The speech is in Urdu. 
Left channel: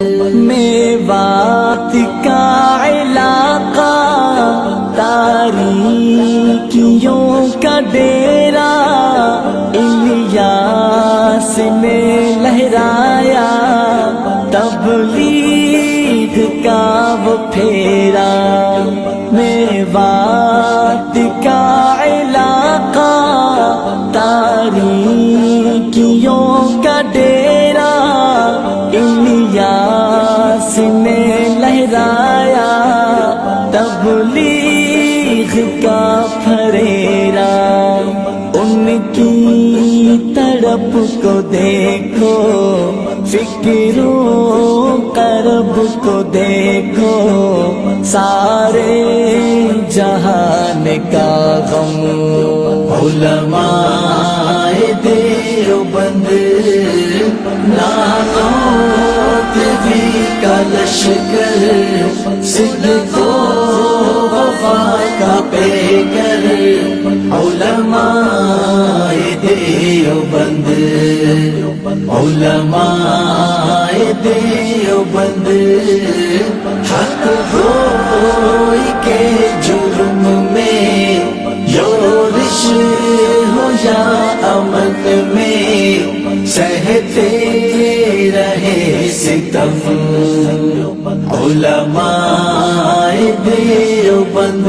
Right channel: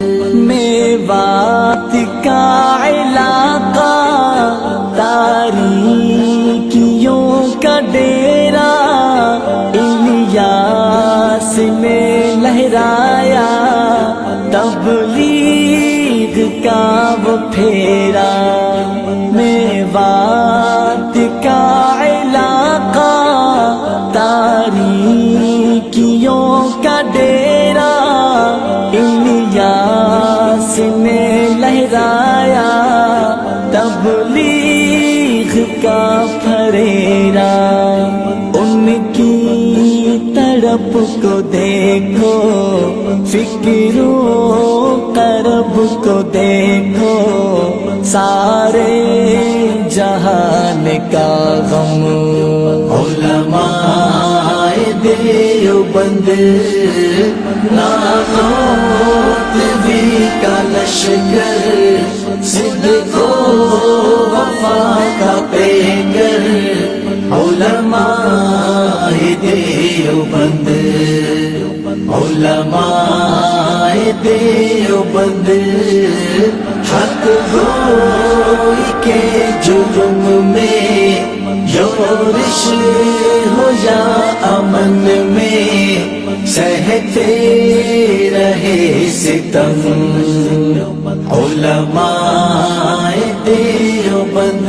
میوات کا علاقہ تاریکیوں کا ڈیرا الیاس نے لہرایا تبلیغ کا وہ پھیرا میوات کا علاقہ تاریکیوں کا ڈیرا الیاس نے لہرایا تبلیغ کا پھریرا ان کی تڑپ کو دیکھو فکر و کرب کو دیکھو سارے جہان کا غم علماء دیوبند نانوتوی کا لشکر صدق و وفا کا پیکر علماء دیوبند علماء دیوبند حق گوئی کے جرم میں یورش ہو یا امن میں سہتے رہے ستم علماء دیوبند